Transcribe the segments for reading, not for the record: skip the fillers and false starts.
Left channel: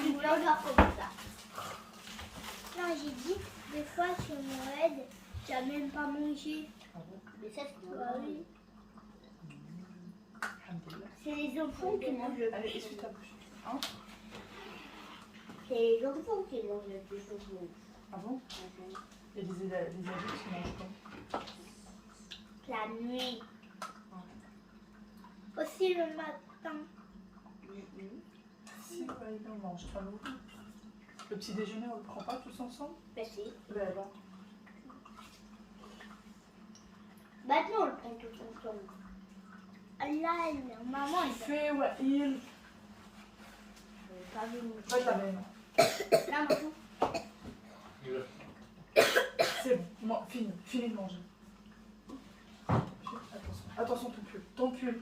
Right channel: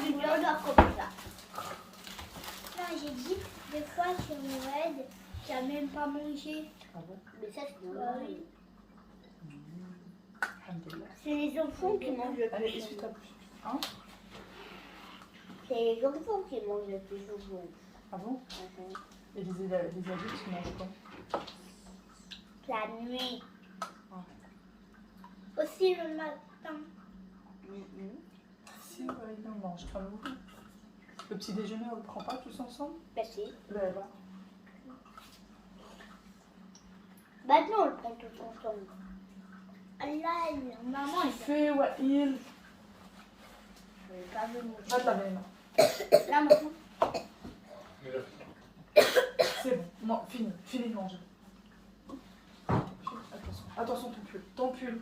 du burger comme ça. Non, j'ai dit, des fois sur Noël, tu n'as même pas mangé. Ah bon? Mais ça, c'est Ah oui. Alhamdoulilah. C'est les enfants qui mangent le Allez, plus essuie ta souvent. bouche. Hein? C'est les enfants qui mangent le plus souvent. Ah bon? Et les adultes, ils mangent quoi? La nuit. Aussi le matin. Si, bah, ils mangent pas non plus. Le petit déjeuner, on le prend pas tous ensemble? Bah si. Là, là. Maintenant, on le prend tous ensemble. Là, maman, elle Fais, ouais, il. n'avait pas vu mon Ah, ta même. Là, maintenant. C'est bon, non, fini de manger. Attention, attention ton pull. Ton pull.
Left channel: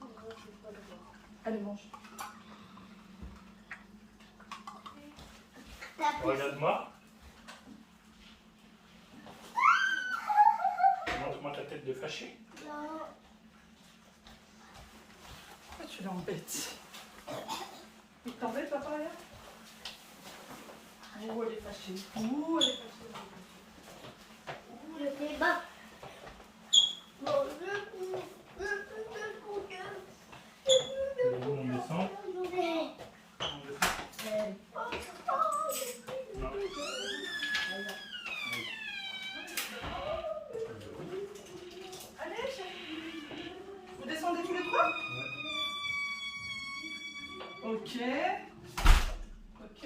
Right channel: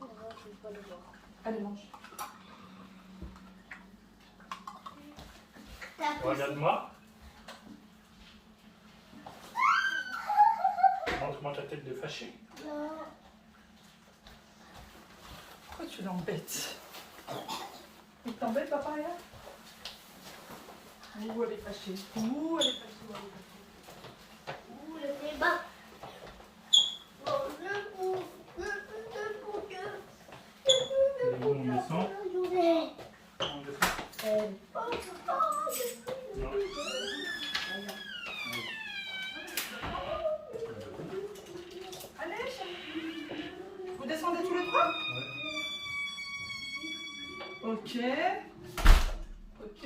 Non, je vais pas le voir. Allez, mange. Regarde-moi. Montre-moi ta tête de fâché. Non. Pourquoi tu l'embêtes? Il t'embête, papa, hier? Ouh, elle est fâchée. Ouh, elle est fâchée. Ouh, le débat. Bon, Et où on descend? On descend. Non. Allez, chérie. Vous descendez tous les trois? Ouais. Ok. Ok.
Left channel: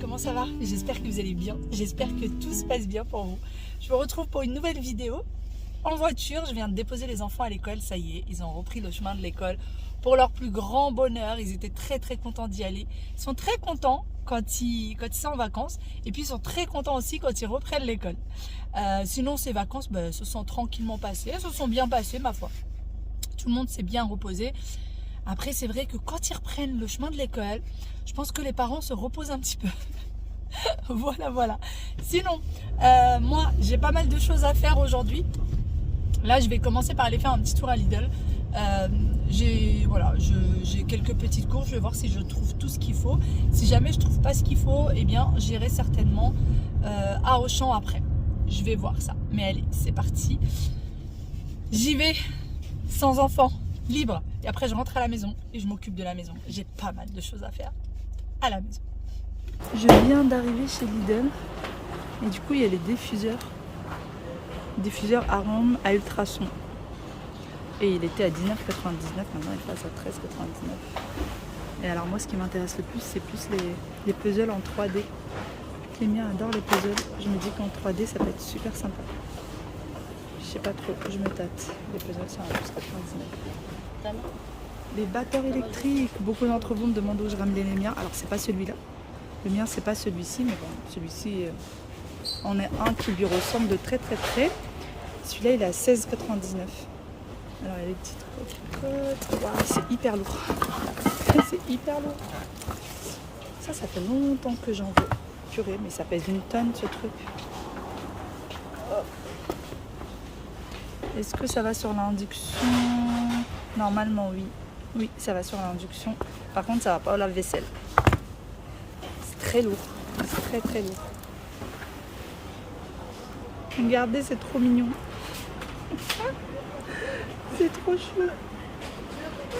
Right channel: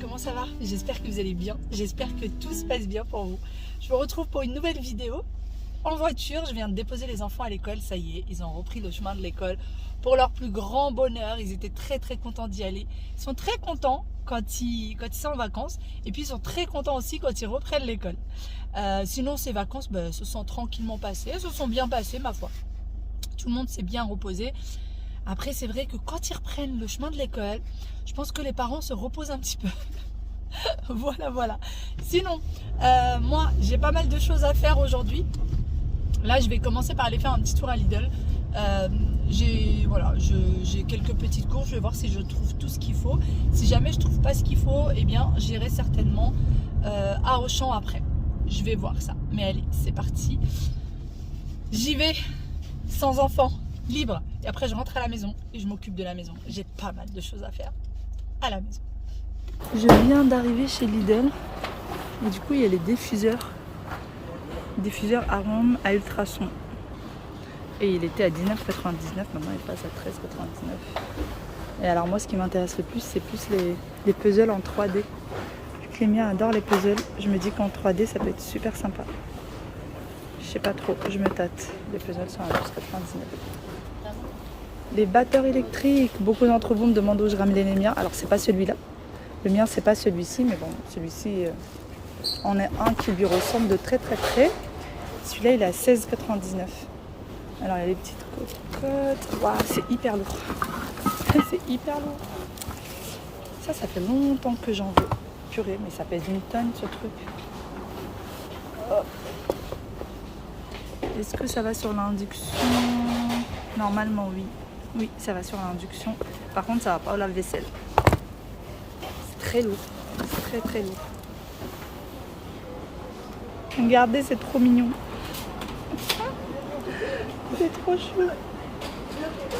Comment ça va? J'espère que vous allez bien. J'espère que tout se passe bien pour vous. Je vous retrouve pour une nouvelle vidéo. En voiture, je viens de déposer les enfants à l'école. Ça y est, ils ont repris le chemin de l'école. Pour leur plus grand bonheur, ils étaient très contents d'y aller. Ils sont très contents quand ils sont en vacances. Et puis ils sont très contents aussi quand ils reprennent l'école. Sinon, ces vacances se sont tranquillement passées. Elles se sont bien passées, ma foi. Tout le monde s'est bien reposé. Après, c'est vrai que quand ils reprennent le chemin de l'école, je pense que les parents se reposent un petit peu. Voilà. Sinon, moi, j'ai pas mal de choses à faire aujourd'hui. Là, je vais commencer par aller faire un petit tour à Lidl. J'ai quelques petites courses. Je vais voir si je trouve tout ce qu'il faut. Si jamais je trouve pas ce qu'il faut, eh bien, j'irai certainement à Auchan après. Je vais voir ça. Mais allez, c'est parti. J'y vais sans enfant, libre. Et après, je rentre à la maison et je m'occupe de la maison. J'ai pas mal de choses à faire à la maison. Je viens d'arriver chez Lidl. Et du coup, il y a les diffuseurs. Diffuseur arôme à ultrasons. Et il était à 19,99. Maintenant, il passe à 13,99. Et alors, moi, ce qui m'intéresse le plus, c'est plus les puzzles en 3D. Les miens adorent les puzzles. Je me dis qu'en 3D, ça peut être super sympa. Je sais pas trop, je me tâte. Les puzzles sont à 12,99. Les batteurs électriques. Beaucoup d'entre vous me demandent où je ramenais les miens. Alors, c'est pas celui-là. Le mien, c'est pas celui-ci, mais bon, celui-ci, on est un qui lui ressemble de très près. Celui-là, il est à 16,99. Alors, il y a les petites cocottes. Waouh, c'est hyper lourd. C'est hyper lourd. Ça fait longtemps que j'en veux. Purée, mais ça pèse une tonne, ce truc. Hop. Est-ce que ça va sur l'induction? Normalement, oui. Oui, ça va sur l'induction. Par contre, ça va pas au lave-vaisselle. C'est très lourd. C'est très lourd. Regardez, c'est trop mignon. C'est trop chou.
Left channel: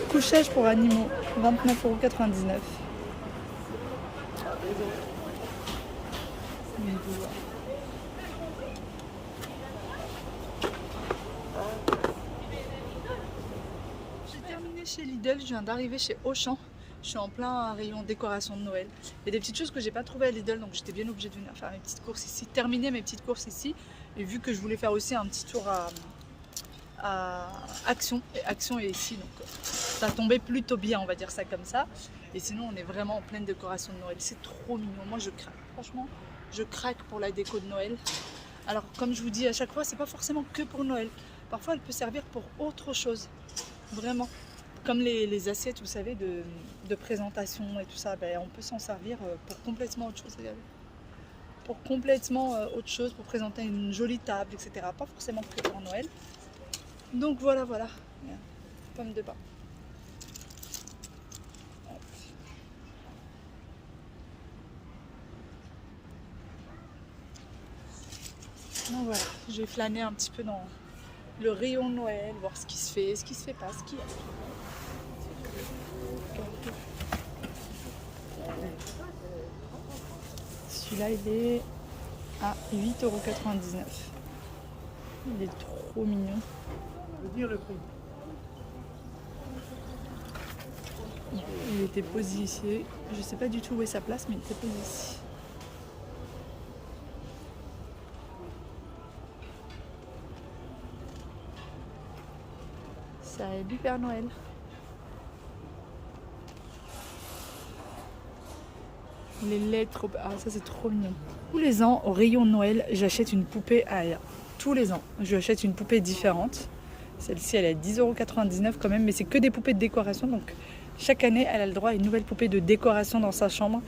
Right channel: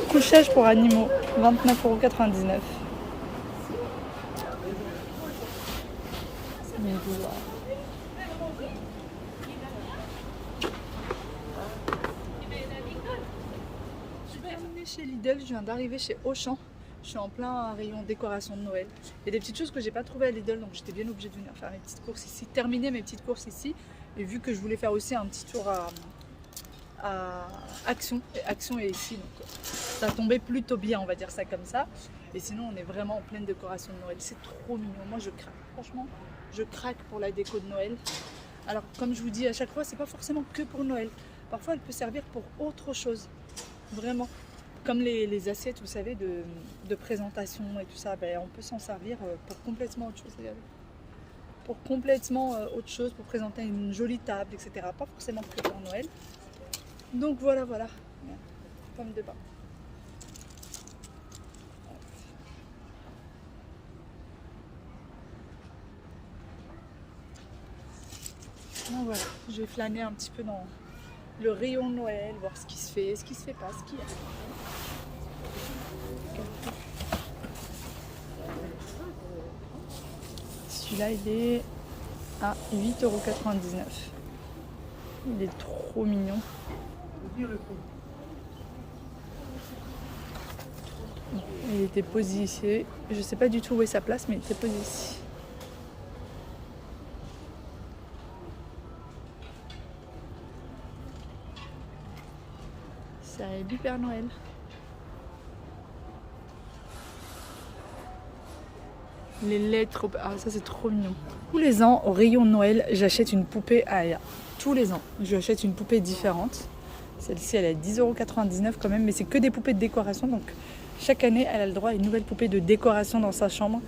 Couchage pour animaux, 29,99 €. C'est mes doigts. J'ai terminé chez Lidl, je viens d'arriver chez Auchan. Je suis en plein rayon décoration de Noël. Il y a des petites choses que j'ai pas trouvées à Lidl, donc j'étais bien obligée de venir faire mes petites courses ici, terminer mes petites courses ici. Et vu que je voulais faire aussi un petit tour à Action. Et Action est ici, donc ça tombait plutôt bien, on va dire ça comme ça. Et sinon, on est vraiment en pleine décoration de Noël. C'est trop mignon. Moi, je craque. Franchement, je craque pour la déco de Noël. Alors, comme je vous dis à chaque fois, c'est pas forcément que pour Noël. Parfois, elle peut servir pour autre chose. Vraiment. Comme les assiettes, vous savez, de présentation et tout ça, ben, on peut s'en servir pour complètement autre chose. Regardez. Pour complètement autre chose, pour présenter une jolie table, etc. Pas forcément que pour Noël. Donc voilà, voilà. Comme de bain. Donc voilà, je vais flâner un petit peu dans le rayon de Noël, voir ce qui se fait pas, ce qu'il y a. Celui-là, il est à 8,99 €. Il est trop mignon. Non, il était posé ici. Je sais pas du tout où est sa place, mais il était posé ici. C'est du Père Noël. Les lettres, ah ça c'est trop mignon. Tous les ans au rayon de Noël, j'achète une poupée à Aya. Tous les ans, je achète une poupée différente. Celle-ci elle est à 10,99 € quand même, mais c'est que des poupées de décoration. Donc chaque année, elle a le droit à une nouvelle poupée de décoration dans sa chambre.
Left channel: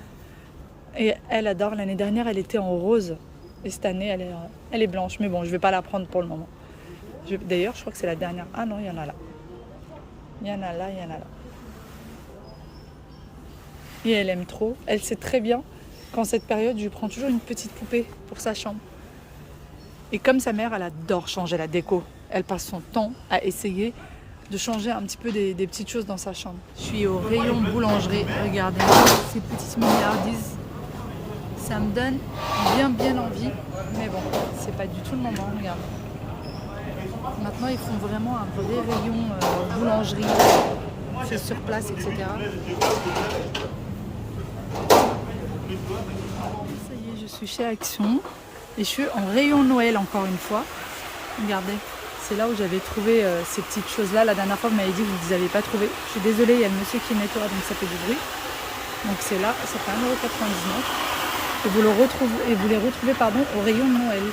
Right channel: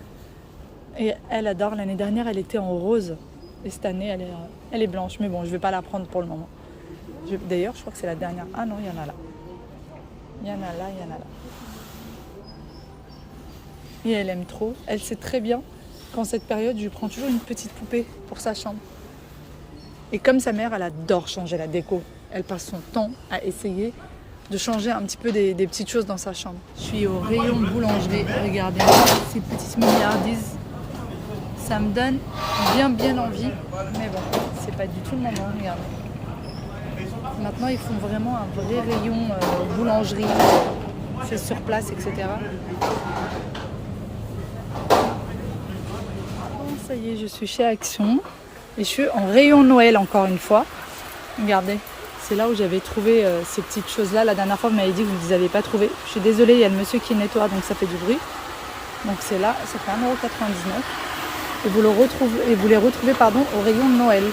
Et elle adore. L'année dernière, elle était en rose. Et cette année, elle est blanche. Mais bon, je ne vais pas la prendre pour le moment. D'ailleurs, je crois que c'est la dernière. Ah non, il y en a là. Il y en a là, il y en a là. Et elle aime trop. Elle sait très bien qu'en cette période, je lui prends toujours une petite poupée pour sa chambre. Et comme sa mère, elle adore changer la déco. Elle passe son temps à essayer de changer un petit peu des petites choses dans sa chambre. Je suis au rayon boulangerie. Regardez ces petites milliardises. Ça me donne bien envie. Mais bon, c'est pas du tout le moment. Regardez. Maintenant, ils font vraiment un vrai rayon boulangerie. C'est sur place, etc. Ça y est, je suis chez Action. Et je suis en rayon Noël encore une fois. Regardez. C'est là où j'avais trouvé ces petites choses-là. La dernière fois, vous m'avez dit que vous ne les avez pas trouvées. Je suis désolée, il y a le monsieur qui nettoie, donc ça fait du bruit. Donc c'est là, ça fait 1,99 €. Et vous les retrouvez au rayon de Noël.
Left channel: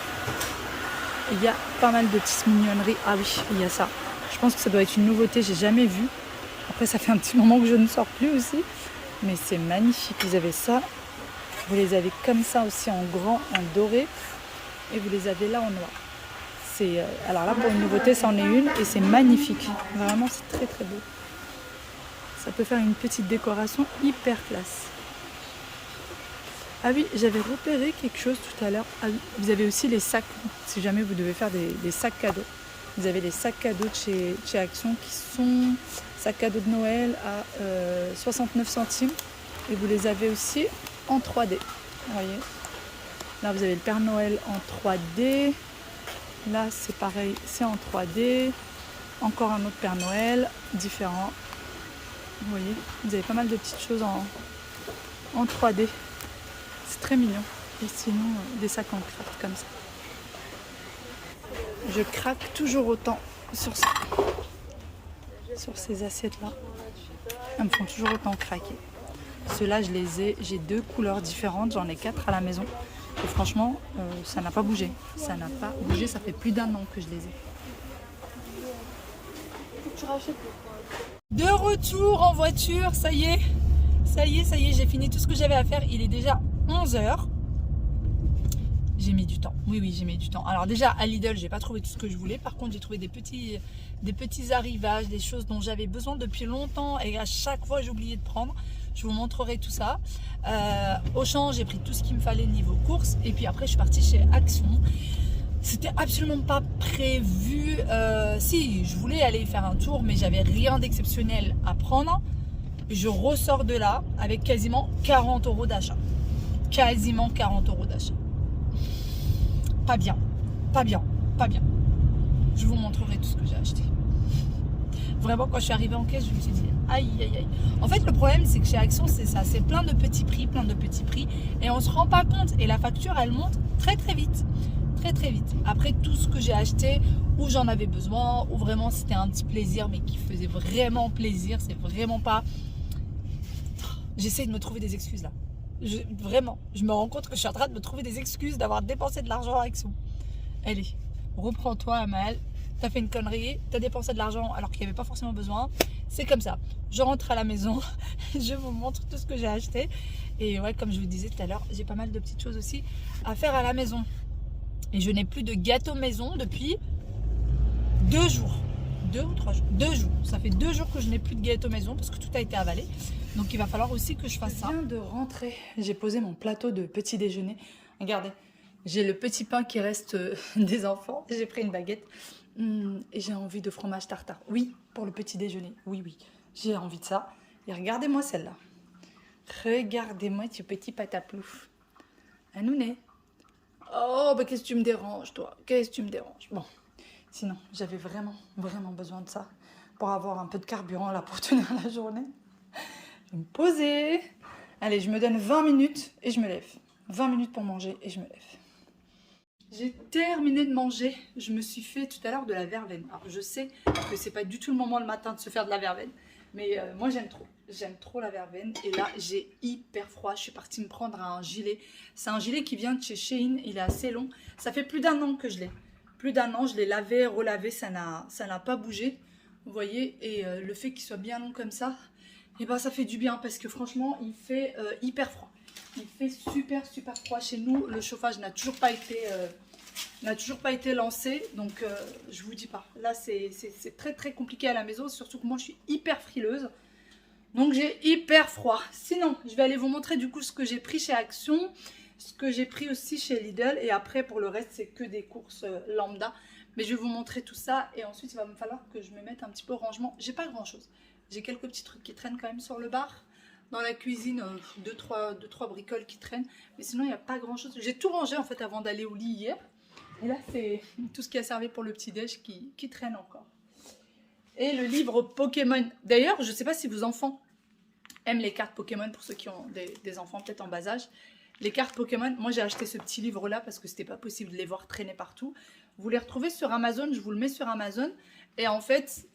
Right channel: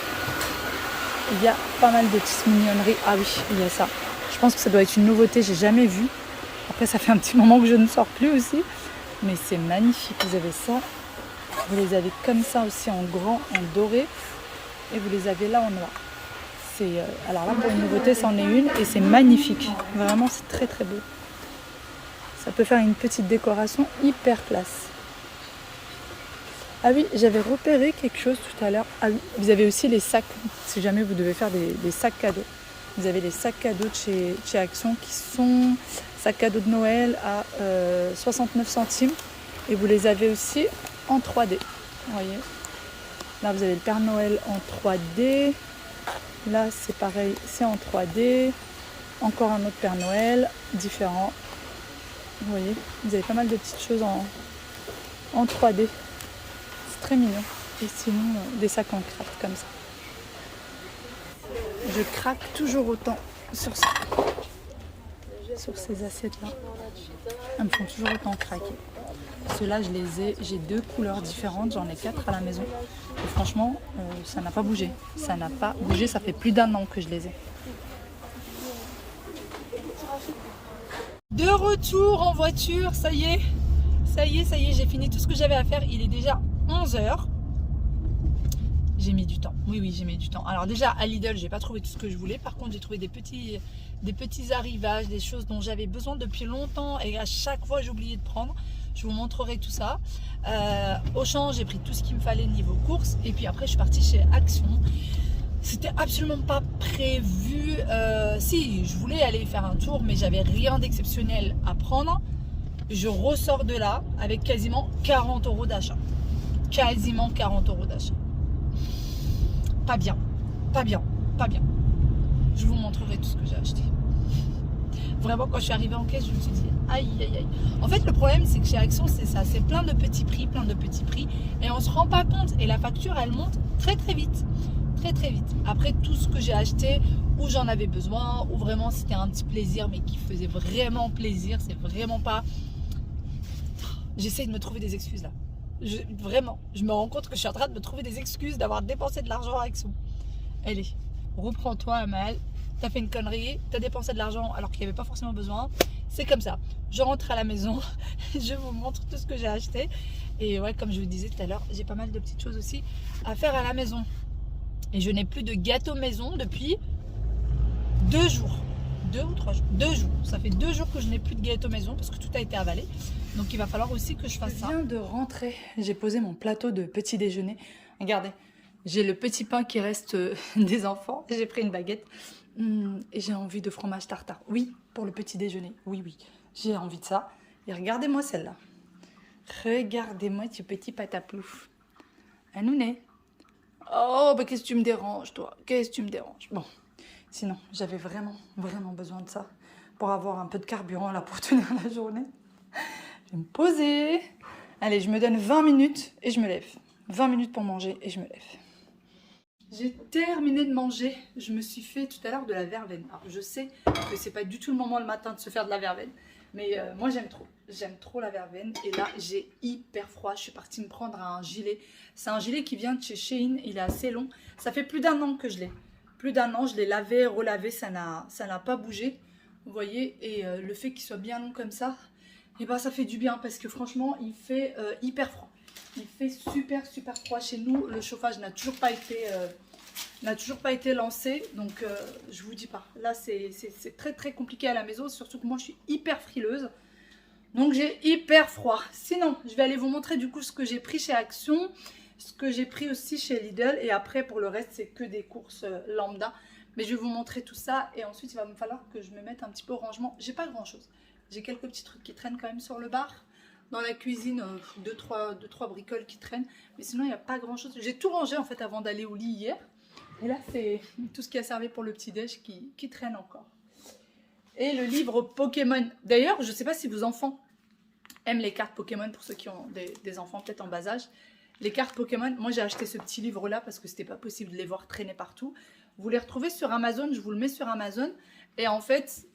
Il y a pas mal de petites mignonneries. Ah oui, il y a ça. Je pense que ça doit être une nouveauté, j'ai jamais vu. Après, ça fait un petit moment que je ne sors plus aussi. Mais c'est magnifique. Vous avez ça. Vous les avez comme ça aussi en grand, en doré. Et vous les avez là en noir. Alors là, pour une nouveauté, c'en est une et c'est magnifique. Vraiment, c'est très très beau. Ça peut faire une petite décoration hyper classe. Ah oui, j'avais repéré quelque chose tout à l'heure. Ah oui, vous avez aussi les sacs, si jamais vous devez faire des sacs cadeaux. Vous avez les sacs cadeaux de chez Action qui sont sacs cadeaux de Noël à 69 centimes. Et vous les avez aussi en 3D. Vous voyez. Là, vous avez le Père Noël en 3D. Là, c'est pareil, c'est en 3D. Encore un autre Père Noël, différent. Vous voyez, vous avez pas mal de petites choses en 3D. C'est très mignon. Et sinon, des sacs en craft comme ça. Je craque toujours autant sur ça. Sur ces assiettes-là. Elles me font toujours autant craquer. Ceux-là, j'ai 2 couleurs différentes. J'en ai 4 à la maison. Et franchement, ça n'a pas bougé. Ça n'a pas bougé, ça fait plus d'1 an que je les ai. De retour en voiture, ça y est, j'ai fini tout ce que j'avais à faire. Il est déjà 11 h. J'ai mis du temps, oui, j'ai mis du temps. Alors déjà, à Lidl, j'ai pas trouvé tout ce que je voulais. Par contre, j'ai trouvé des petits arrivages, des choses dont j'avais besoin depuis longtemps. Et à chaque fois, j'oubliais de prendre. Je vous montrerai tout ça. Auchan, j'ai pris tout ce qu'il me fallait niveau courses. Et puis après, je suis partie chez Action. C'était absolument pas prévu. Si, je voulais aller faire un tour, mais j'avais rien d'exceptionnel à prendre. Je ressors de là avec quasiment 40 € d'achat. Quasiment 40 € d'achat. Pas bien. Je vous montrerai tout ce que j'ai acheté. Vraiment, quand je suis arrivée en caisse, je me suis dit aïe. En fait, le problème, c'est que chez Action, c'est ça. C'est plein de petits prix. Et on se rend pas compte. Et la facture, elle monte très vite. Après, tout ce que j'ai acheté, où j'en avais besoin, ou vraiment c'était un petit plaisir, mais qui faisait vraiment plaisir. C'est vraiment pas... J'essaie de me trouver des excuses là. Vraiment, je me rends compte que je suis en train de me trouver des excuses d'avoir dépensé de l'argent à Action. Allez, reprends-toi, Amal. T'as fait une connerie, t'as dépensé de l'argent alors qu'il n'y avait pas forcément besoin. C'est comme ça. Je rentre à la maison, je vous montre tout ce que j'ai acheté. Et ouais, comme je vous disais tout à l'heure, j'ai pas mal de petites choses aussi à faire à la maison. Et je n'ai plus de gâteau maison depuis 2 jours. 2 ou 3 jours. 2 jours. Ça fait 2 jours que je n'ai plus de gâteau maison parce que tout a été avalé. Donc il va falloir aussi que je fasse ça. Je viens de rentrer. J'ai posé mon plateau de petit déjeuner. Regardez, j'ai le petit pain qui reste des enfants. J'ai pris une baguette. Et j'ai envie de fromage tartare. Oui, pour le petit déjeuner. Oui, oui. J'ai envie de ça. Et regardez-moi celle-là. Regardez-moi ce petit pataplouf. Anouné. Oh, bah qu'est-ce que tu me déranges, toi? Qu'est-ce que tu me déranges? Bon, sinon, j'avais vraiment, vraiment besoin de ça pour avoir un peu de carburant là pour tenir la journée. Je vais me poser. Allez, je me donne 20 minutes et je me lève. 20 minutes pour manger et je me lève. J'ai terminé de manger. Je me suis fait tout à l'heure de la verveine. Alors, je sais que c'est pas du tout le moment le matin de se faire de la verveine. Mais moi, j'aime trop. J'aime trop la verveine. Et là, j'ai hyper froid. Je suis partie me prendre un gilet. C'est un gilet qui vient de chez Shein. Il est assez long. Ça fait plus d'1 an que je l'ai. Plus d'1 an. Je l'ai lavé, relavé. Ça n'a pas bougé. Vous voyez. Et le fait qu'il soit bien long comme ça, et ben, ça fait du bien. Parce que franchement, il fait hyper froid. Il fait super, super froid chez nous. Le chauffage n'a toujours pas été lancé, donc je vous dis pas. Là, c'est très très compliqué à la maison, surtout que moi je suis hyper frileuse, donc j'ai hyper froid. Sinon, je vais aller vous montrer du coup ce que j'ai pris chez Action, ce que j'ai pris aussi chez Lidl, et après pour le reste c'est que des courses lambda. Mais je vais vous montrer tout ça, et ensuite il va me falloir que je me mette un petit peu au rangement. J'ai pas grand chose, j'ai quelques petits trucs qui traînent quand même sur le bar. Dans la cuisine, 2-3 bricoles qui traînent, mais sinon il n'y a pas grand chose. J'ai tout rangé en fait avant d'aller au lit hier. Et là, c'est tout ce qui a servi pour le petit-déj qui traîne encore. Et le livre Pokémon. D'ailleurs, je ne sais pas si vos enfants aiment les cartes Pokémon, pour ceux qui ont des enfants peut-être en bas âge. Les cartes Pokémon, moi j'ai acheté ce petit livre-là parce que c'était pas possible de les voir traîner partout. Vous les retrouvez sur Amazon, je vous le mets sur Amazon. Et en fait,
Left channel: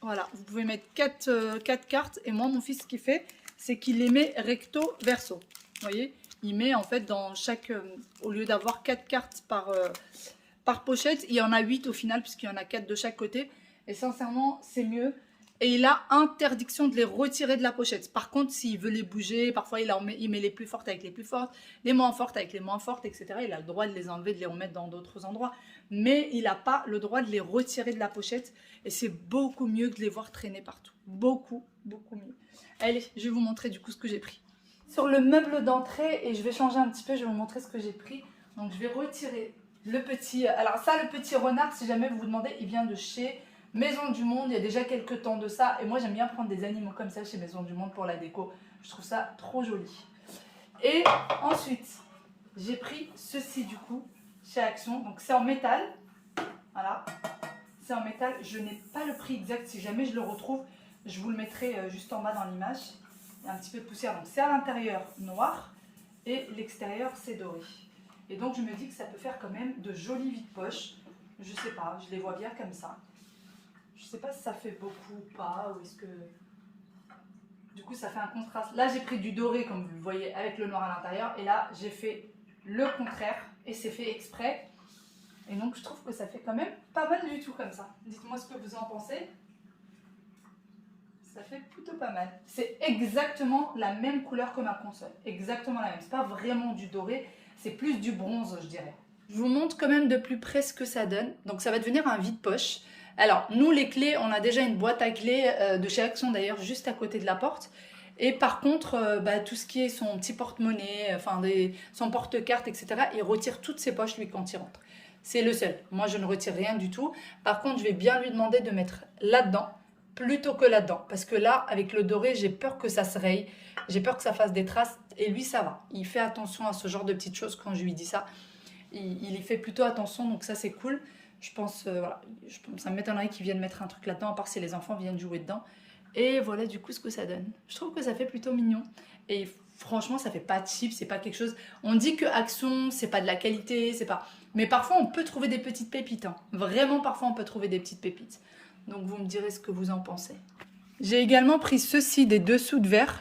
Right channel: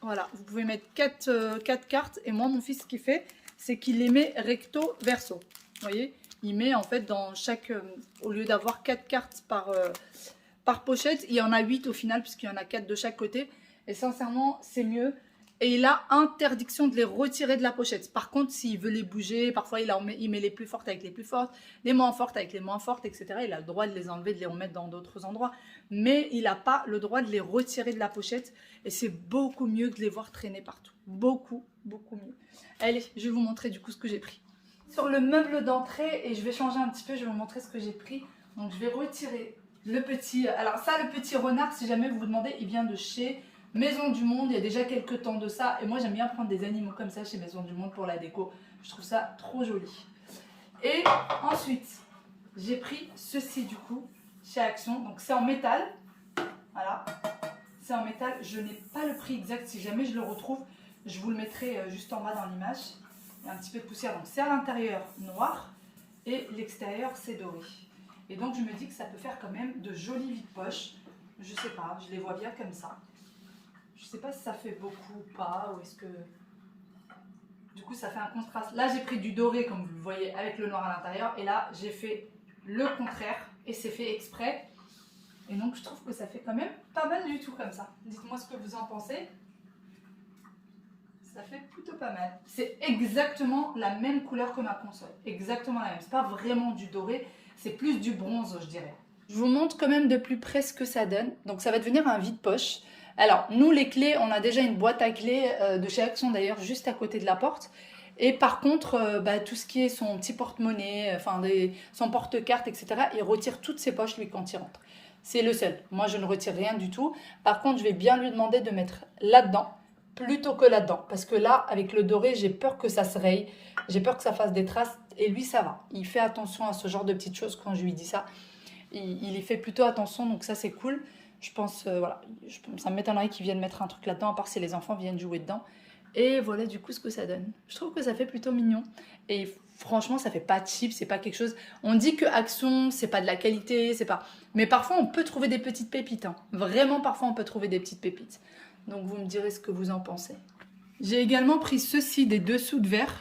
voilà, vous pouvez mettre 4 cartes. Et moi, mon fils, ce qu'il fait, c'est qu'il les met recto verso. Vous voyez ? Il met en fait dans chaque, au lieu d'avoir 4 cartes par pochette, il y en a 8 au final, puisqu'il y en a 4 de chaque côté. Et sincèrement, c'est mieux. Et il a interdiction de les retirer de la pochette. Par contre, s'il veut les bouger, parfois il met les plus fortes avec les plus fortes, les moins fortes avec les moins fortes, etc. Il a le droit de les enlever, de les remettre dans d'autres endroits. Mais il n'a pas le droit de les retirer de la pochette. Et c'est beaucoup mieux que de les voir traîner partout. Beaucoup, beaucoup mieux. Allez, je vais vous montrer du coup ce que j'ai pris. Sur le meuble d'entrée, et je vais changer un petit peu, je vais vous montrer ce que j'ai pris. Donc je vais retirer le petit... Alors ça, le petit renard, si jamais vous vous demandez, il vient de chez Maison du Monde. Il y a déjà quelques temps de ça. Et moi, j'aime bien prendre des animaux comme ça chez Maison du Monde pour la déco. Je trouve ça trop joli. Et ensuite, j'ai pris ceci du coup, chez Action. Donc c'est en métal. Voilà. C'est en métal. Je n'ai pas le prix exact. Si jamais je le retrouve, je vous le mettrai juste en bas dans l'image. Il y a un petit peu de poussière, donc c'est à l'intérieur noir et l'extérieur c'est doré. Et donc je me dis que ça peut faire quand même de jolis vides-poches. Je sais pas, je les vois bien comme ça. Je sais pas si ça fait beaucoup ou pas, ou est-ce que... Du coup ça fait un contraste. Là j'ai pris du doré comme vous le voyez avec le noir à l'intérieur, et là j'ai fait le contraire et c'est fait exprès. Et donc je trouve que ça fait quand même pas mal du tout comme ça. Dites-moi ce que vous en pensez. Ça fait plutôt pas mal. C'est exactement la même couleur que ma console. Exactement la même. C'est pas vraiment du doré, c'est plus du bronze, je dirais. Je vous montre quand même de plus près ce que ça donne. Donc ça va devenir un vide-poche. Alors, nous les clés, on a déjà une boîte à clés de chez Action d'ailleurs, juste à côté de la porte. Et par contre, tout ce qui est son petit porte-monnaie, son porte-carte, etc., il retire toutes ses poches lui quand il rentre. C'est le seul. Moi, je ne retire rien du tout. Par contre, je vais bien lui demander de mettre là-dedans plutôt que là-dedans. Parce que là, avec le doré, j'ai peur que ça se raye. J'ai peur que ça fasse des traces. Et lui, ça va. Il fait attention à ce genre de petites choses quand je lui dis ça. Il y fait plutôt attention. Donc ça, c'est cool. Je pense, voilà. Ça m'étonnerait qu'ils viennent mettre un truc là-dedans, à part si les enfants viennent jouer dedans. Et voilà du coup ce que ça donne. Je trouve que ça fait plutôt mignon. Et franchement, ça fait pas cheap, c'est pas quelque chose... On dit que Action, c'est pas de la qualité, c'est pas... Mais parfois, on peut trouver des petites pépites. Hein. Vraiment, parfois, on peut trouver des petites pépites. Donc, vous me direz ce que vous en pensez. J'ai également pris ceci, des dessous de verre.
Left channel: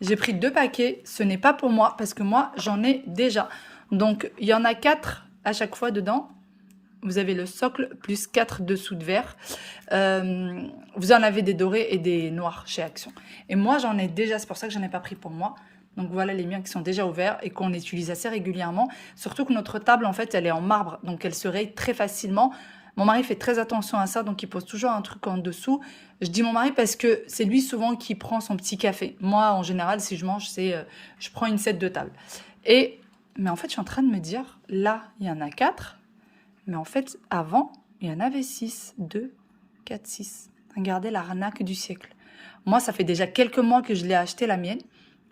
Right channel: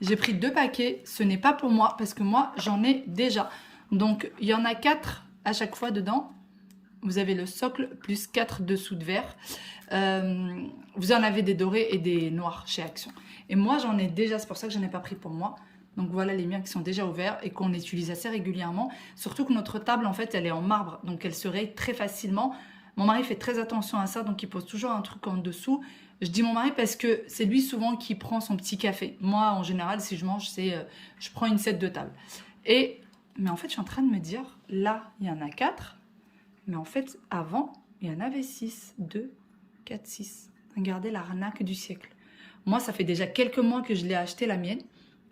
J'ai pris 2 paquets. Ce n'est pas pour moi, parce que moi, j'en ai déjà. Donc, il y en a 4 à chaque fois dedans. Vous avez le socle plus 4 dessous de verre. Vous en avez des dorés et des noirs chez Action. Et moi, j'en ai déjà. C'est pour ça que je n'en ai pas pris pour moi. Donc voilà les miens qui sont déjà ouverts et qu'on utilise assez régulièrement. Surtout que notre table, en fait, elle est en marbre. Donc elle se raye très facilement. Mon mari fait très attention à ça. Donc il pose toujours un truc en dessous. Je dis mon mari parce que c'est lui souvent qui prend son petit café. Moi, en général, si je mange, je prends une set de table. Mais en fait, je suis en train de me dire, là, il y en a 4. Mais en fait, avant, il y en avait 6. 2, 4, 6. Regardez l'arnaque du siècle. Moi, ça fait déjà quelques mois que je l'ai acheté, la mienne.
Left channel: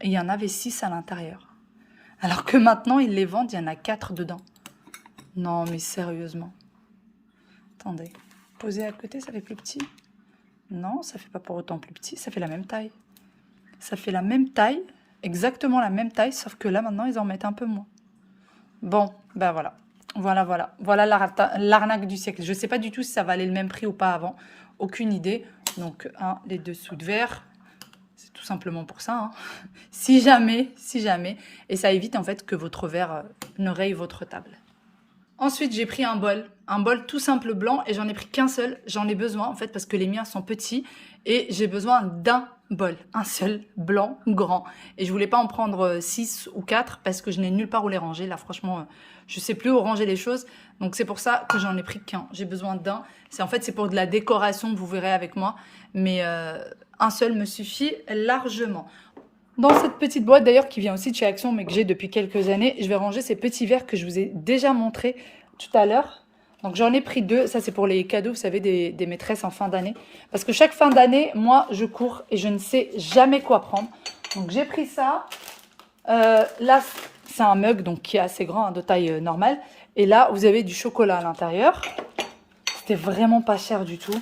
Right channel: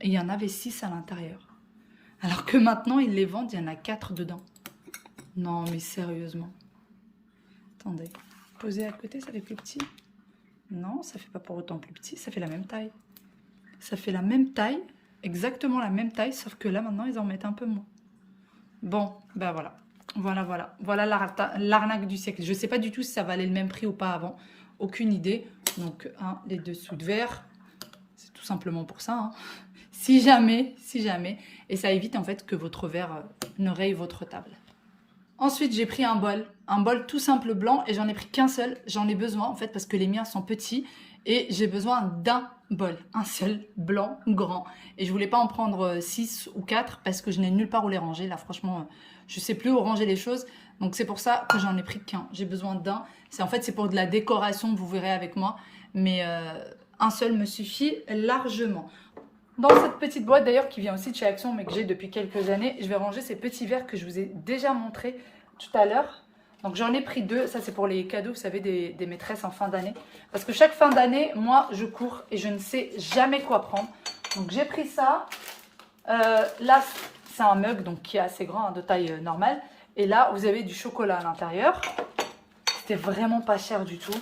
Et il y en avait 6 à l'intérieur. Alors que maintenant, ils les vendent, il y en a 4 dedans. Non, mais sérieusement. Attendez. Poser à côté, ça fait plus petit. Non, ça fait pas pour autant plus petit. Ça fait la même taille. Ça fait la même taille. Exactement la même taille. Sauf que là, maintenant, ils en mettent un peu moins. Bon, ben voilà. Voilà. Voilà l'arnaque du siècle. Je sais pas du tout si ça valait le même prix ou pas avant. Aucune idée. Donc, les dessous de verre. C'est tout simplement pour ça, hein. Si jamais, et ça évite en fait que votre verre ne raye votre table. Ensuite, j'ai pris un bol tout simple blanc et j'en ai pris qu'un seul. J'en ai besoin en fait parce que les miens sont petits et j'ai besoin d'un bol, un seul blanc grand. Et je voulais pas en prendre 6 ou 4 parce que je n'ai nulle part où les ranger. Là, franchement, je sais plus où ranger les choses. Donc c'est pour ça que j'en ai pris qu'un. J'ai besoin d'un. C'est pour de la décoration, vous verrez avec moi. Mais un seul me suffit largement. Dans cette petite boîte d'ailleurs qui vient aussi de chez Action mais que j'ai depuis quelques années, je vais ranger ces petits verres que je vous ai déjà montrés tout à l'heure. Donc j'en ai pris 2, ça c'est pour les cadeaux, vous savez, des maîtresses en fin d'année. Parce que chaque fin d'année, moi je cours et je ne sais jamais quoi prendre. Donc j'ai pris ça. Là c'est un mug donc qui est assez grand, hein, de taille normale. Et là vous avez du chocolat à l'intérieur. C'était vraiment pas cher du tout.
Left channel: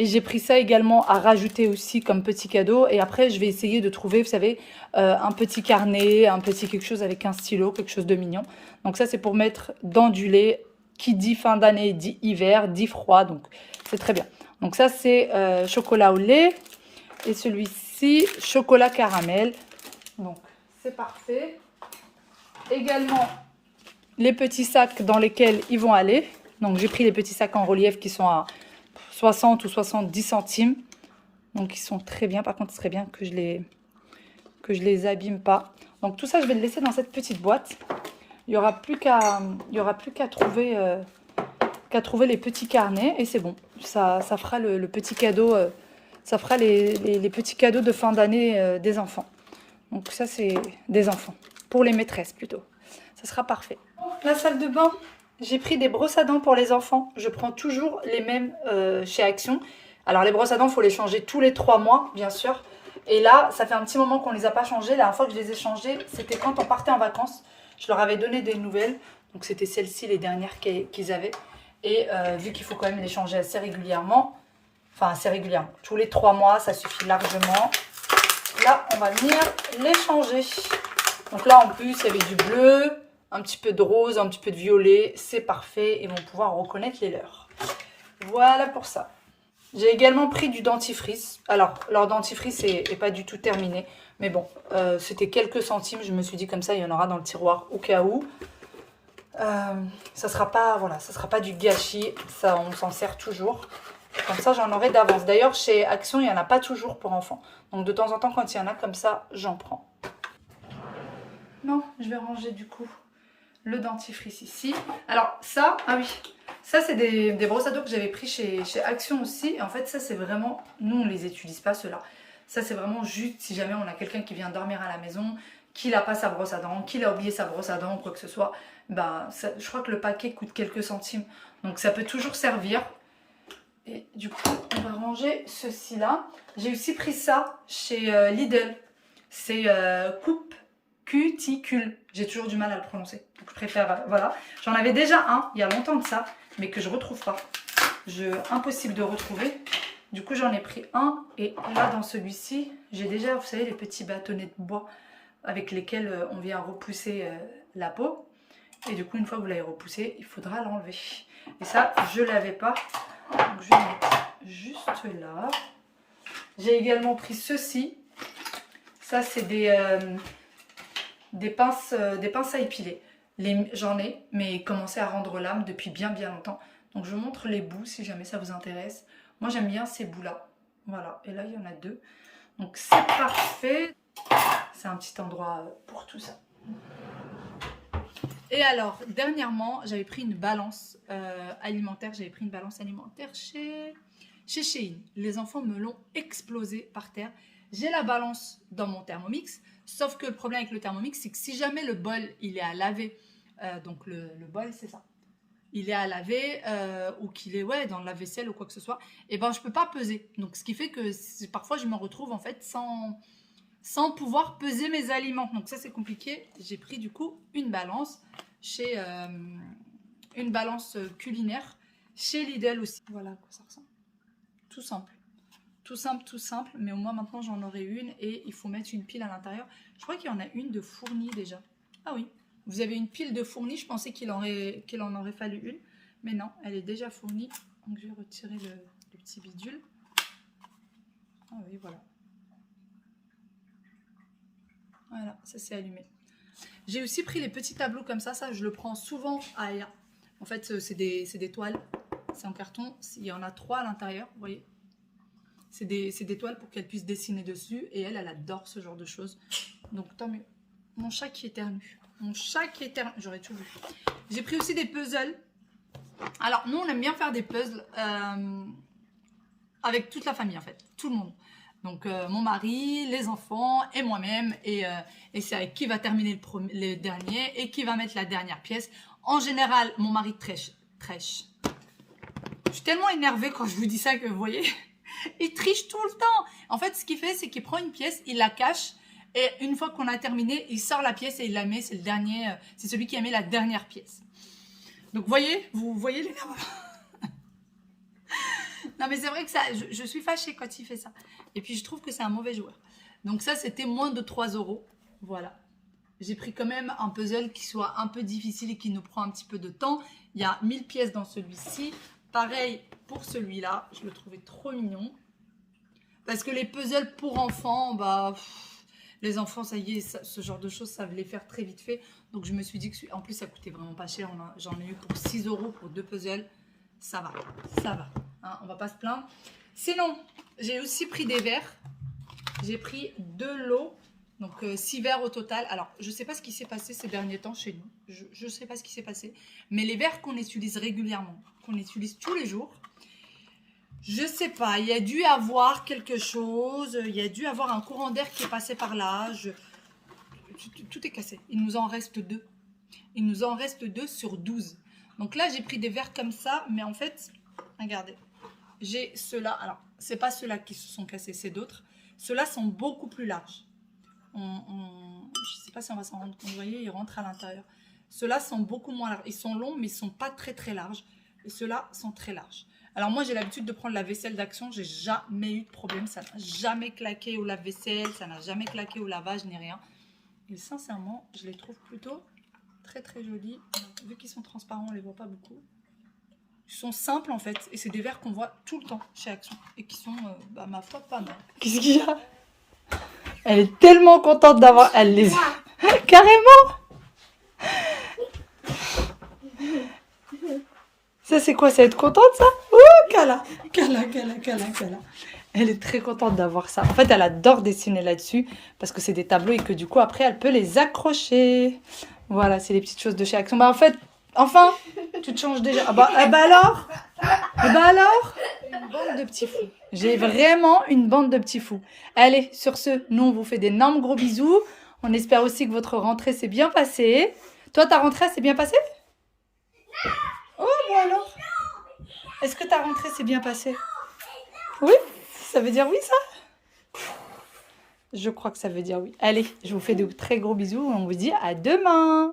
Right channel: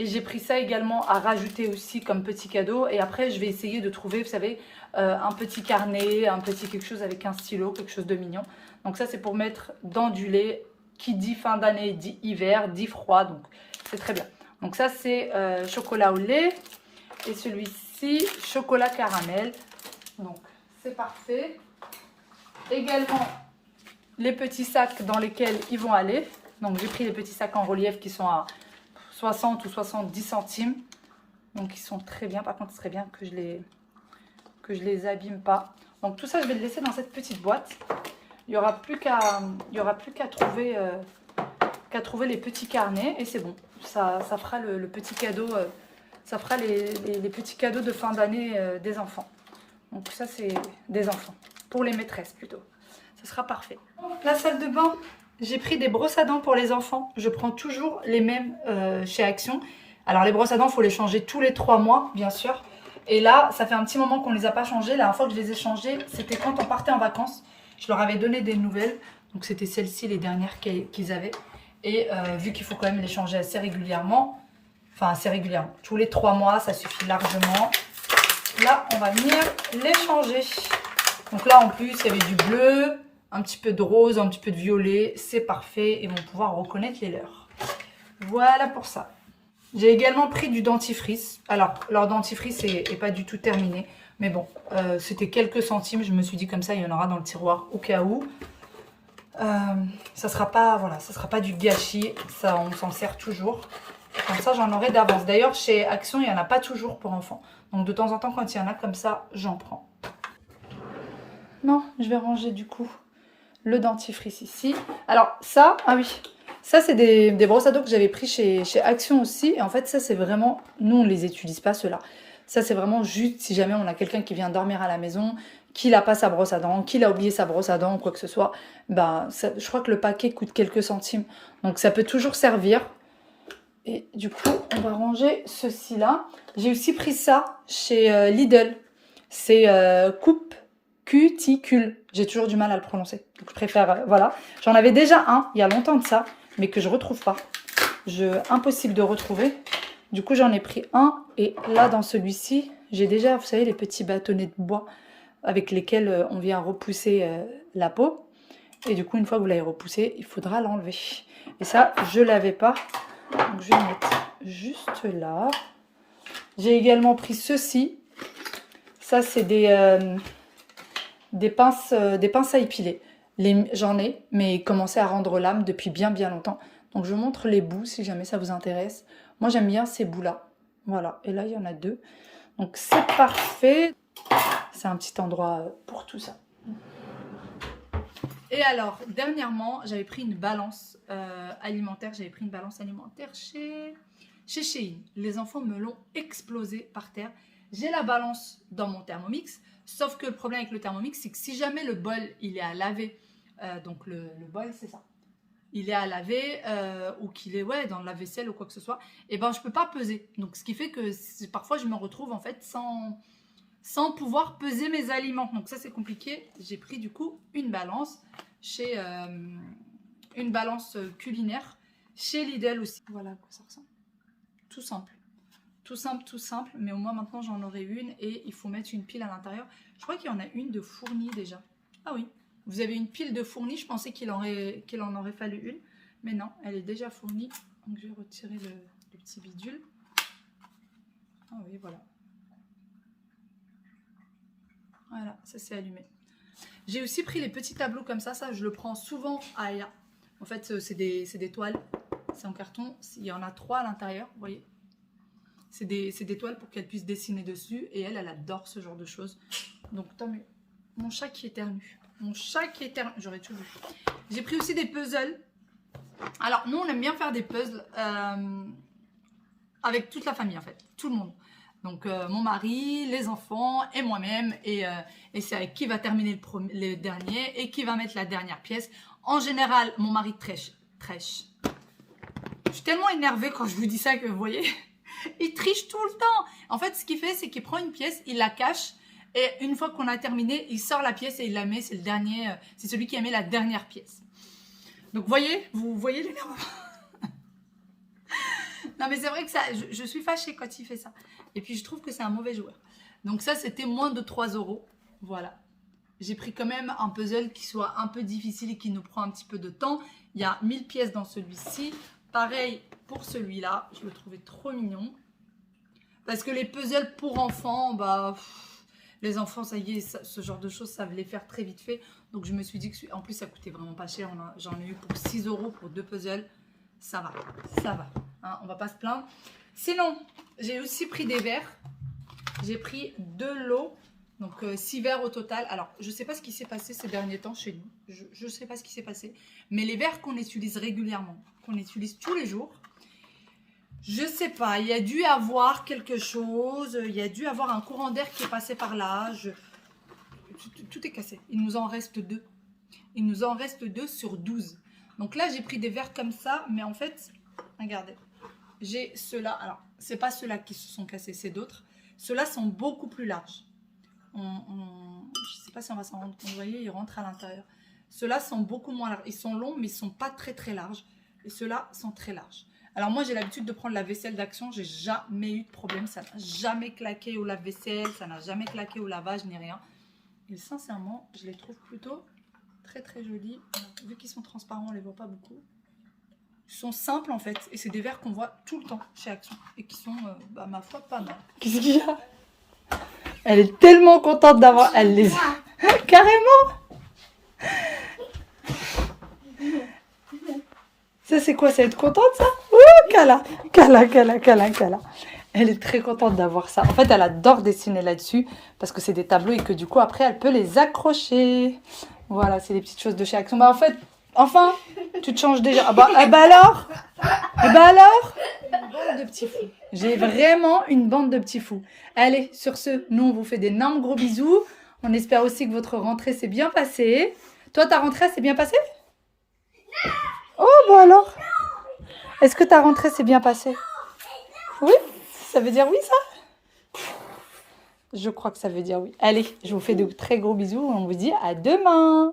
Et j'ai pris ça également à rajouter aussi comme petit cadeau. Et après, je vais essayer de trouver, vous savez, un petit carnet, un petit quelque chose avec un stylo, quelque chose de mignon. Donc ça, c'est pour mettre dans du lait. Qui dit fin d'année, dit hiver, dit froid. Donc, c'est très bien. Donc ça, c'est chocolat au lait. Et celui-ci, chocolat caramel. Donc, c'est parfait. Également, les petits sacs dans lesquels ils vont aller. Donc, j'ai pris les petits sacs en relief qui sont à 60 ou 70 centimes. Donc, ils sont très bien. Par contre, ce serait bien que je les abîme pas. Donc, tout ça, je vais le laisser dans cette petite boîte. Il n'y aura plus qu'à trouver les petits carnets. Et c'est bon. Ça fera le petit cadeau. Ça fera les petits cadeaux de fin d'année des enfants. Donc, ça, c'est des enfants. Pour les maîtresses, plutôt. Ça sera parfait. La salle de bain. J'ai pris des brosses à dents pour les enfants. Je prends toujours les mêmes chez Action. Alors, les brosses à dents, il faut les changer tous les 3 mois, bien sûr. Et là, ça fait un petit moment qu'on ne les a pas changées. La dernière fois que je les ai changées, c'était quand on partait en vacances. Je leur avais donné des nouvelles. Donc, c'était celles-ci, les dernières qu'ils avaient. Et vu qu'il faut quand même les changer assez régulièrement, enfin, assez régulièrement, tous les 3 mois, ça suffit largement. Là, on va venir les changer. Donc là, en plus, il y avait du bleu, un petit peu de rose, un petit peu de violet. C'est parfait. Ils vont pouvoir reconnaître les leurs. Voilà pour ça. J'ai également pris du dentifrice. Alors, leur dentifrice n'est pas du tout terminé. Mais bon, c'était quelques centimes. Je me suis dit comme ça, il y en aura dans le tiroir au cas où. Ça sera pas, voilà, ça sera pas du gâchis. Ça, on s'en sert toujours. Comme ça, j'en aurai d'avance. D'ailleurs, chez Action, il n'y en a pas toujours pour enfants. Donc, de temps en temps, quand il y en a comme ça, j'en prends. Non, je vais ranger du coup le dentifrice ici. Alors ça, ah oui, ça c'est des brosses à dents que j'avais pris chez Action aussi. Et en fait ça c'est vraiment, nous on les utilise pas ceux-là. Ça c'est vraiment juste si jamais on a quelqu'un qui vient dormir à la maison, qui n'a pas sa brosse à dents, qui a oublié sa brosse à dents ou quoi que ce soit. Ben, ça, je crois que le paquet coûte quelques centimes. Donc ça peut toujours servir. Et du coup on va ranger ceci là. J'ai aussi pris ça chez Lidl. C'est coupe cuticule. J'ai toujours du mal à le prononcer. Donc je préfère, voilà. J'en avais déjà un, il y a longtemps de ça, mais que je retrouve pas. Impossible de retrouver. Du coup, j'en ai pris un. Et là, dans celui-ci, j'ai déjà, vous savez, les petits bâtonnets de bois avec lesquels on vient repousser la peau. Et du coup, une fois que vous l'avez repoussé, il faudra l'enlever. Et ça, je ne l'avais pas. Donc, je vais mettre juste là. J'ai également pris ceci. Ça, c'est des pinces à épiler. J'en ai, mais ils commençaient à rendre l'âme depuis bien longtemps. Donc, je vous montre les bouts si jamais ça vous intéresse. Moi, j'aime bien ces bouts-là. Voilà. Et là, il y en a 2. Donc, c'est parfait. C'est un petit endroit pour tout ça. Et alors, dernièrement, j'avais pris une balance alimentaire. J'avais pris une balance alimentaire chez Shein. Les enfants me l'ont explosé par terre. J'ai la balance dans mon Thermomix. Sauf que le problème avec le Thermomix, c'est que si jamais le bol, il est à laver, donc le bol, c'est ça. Il est à laver ou qu'il est dans le lave-vaisselle ou quoi que ce soit, et ben je peux pas peser. Donc, ce qui fait que parfois, je me retrouve en fait sans pouvoir peser mes aliments. Donc ça, c'est compliqué. J'ai pris du coup une balance une balance culinaire chez Lidl aussi. Voilà à quoi ça ressemble. Tout simple. Tout simple. Mais au moins maintenant, j'en aurai une et il faut mettre une pile à l'intérieur. Je crois qu'il y en a une de fournie déjà. Ah oui, vous avez une pile de fournie. Je pensais qu'il en aurait fallu une. Mais non, elle est déjà fournie. Donc je vais retirer le petit bidule. Ah oui, voilà. Voilà, ça s'est allumé. J'ai aussi pris les petits tableaux comme ça. Ça, je le prends souvent à Aya. En fait, c'est des toiles. C'est en carton. Il y en a 3 à l'intérieur, vous voyez. C'est des toiles pour qu'elle puisse dessiner dessus. Et elle adore ce genre de choses. Donc, tant mieux. Mon chat qui éternue. J'aurais tout vu. J'ai pris aussi des puzzles. Alors, nous, on aime bien faire des puzzles avec toute la famille, en fait. Tout le monde. Donc, mon mari, les enfants et moi-même. Et c'est avec qui va terminer le dernier et qui va mettre la dernière pièce. En général, mon mari triche. Je suis tellement énervée quand je vous dis ça que vous voyez, il triche tout le temps. En fait, ce qu'il fait, c'est qu'il prend une pièce, il la cache. Et une fois qu'on a terminé, il sort la pièce et il la met. C'est le dernier, c'est celui qui a mis la dernière pièce. Donc, vous voyez l'énervement. Non, mais c'est vrai que ça, je suis fâchée quand il fait ça. Et puis, je trouve que c'est un mauvais joueur. Donc, ça, c'était moins de 3 €. Voilà. J'ai pris quand même un puzzle qui soit un peu difficile et qui nous prend un petit peu de temps. Il y a 1000 pièces dans celui-ci. Pareil pour celui-là. Je le trouvais trop mignon. Parce que les puzzles pour enfants, les enfants, ça y est, ce genre de choses, savent les faire très vite fait. Donc, je me suis dit que, en plus, ça coûtait vraiment pas cher. J'en ai eu pour 6 € pour 2 puzzles. Ça va. Hein, on va pas se plaindre. Sinon, j'ai aussi pris des verres. J'ai pris 2 lots. Donc, 6 verres au total. Alors, je ne sais pas ce qui s'est passé ces derniers temps chez nous. Je ne sais pas ce qui s'est passé. Mais les verres qu'on utilise régulièrement, qu'on utilise tous les jours, je ne sais pas. Il y a dû avoir quelque chose. Il y a dû avoir un courant d'air qui est passé par là. Tout est cassé. Il nous en reste 2. Il nous en reste 2 sur 12. Donc là, j'ai pris des verres comme ça. Mais en fait, regardez. J'ai ceux-là. Alors, ce n'est pas ceux-là qui se sont cassés, c'est d'autres. Ceux-là sont beaucoup plus larges. Je ne sais pas si on va s'en rendre compte. Vous voyez, ils rentrent à l'intérieur. Ceux-là sont beaucoup moins larges. Ils sont longs, mais ils ne sont pas très larges. Et ceux-là sont très larges. Alors moi, j'ai l'habitude de prendre la vaisselle d'Action. J'ai jamais eu de problème. Ça n'a jamais claqué au lave-vaisselle. Ça n'a jamais claqué au lavage, ni rien. Et sincèrement, je les trouve plutôt très jolis. Alors, vu qu'ils sont transparents, on ne les voit pas beaucoup. Ils sont simples, en fait. Et c'est des verres qu'on voit tout le temps chez Action. Et qui sont, ma foi, pas mal. Qu'est-ce qu'il y a ? Elle est tellement contente d'avoir... Elle les a... Carrément. Ça, c'est quoi? C'est être contente, ça? Ouh, Kala. Elle est très contente d'avoir ça. En fait, elle adore dessiner là-dessus parce que c'est des tableaux et que du coup, après, elle peut les accrocher. Voilà, c'est les petites choses de chez Action. En fait, enfin, tu te changes déjà. Alors une bande de petits fous. J'ai vraiment une bande de petits fous. Allez, sur ce, nous, on vous fait d'énormes gros bisous. On espère aussi que votre rentrée s'est bien passée. Toi, ta rentrée s'est bien passée? Oh, alors. Est-ce que ta rentrée s'est bien passée? Oui? Ça veut dire oui, ça? Je crois que ça veut dire oui. Allez, je vous fais de très gros bisous. On vous dit à demain.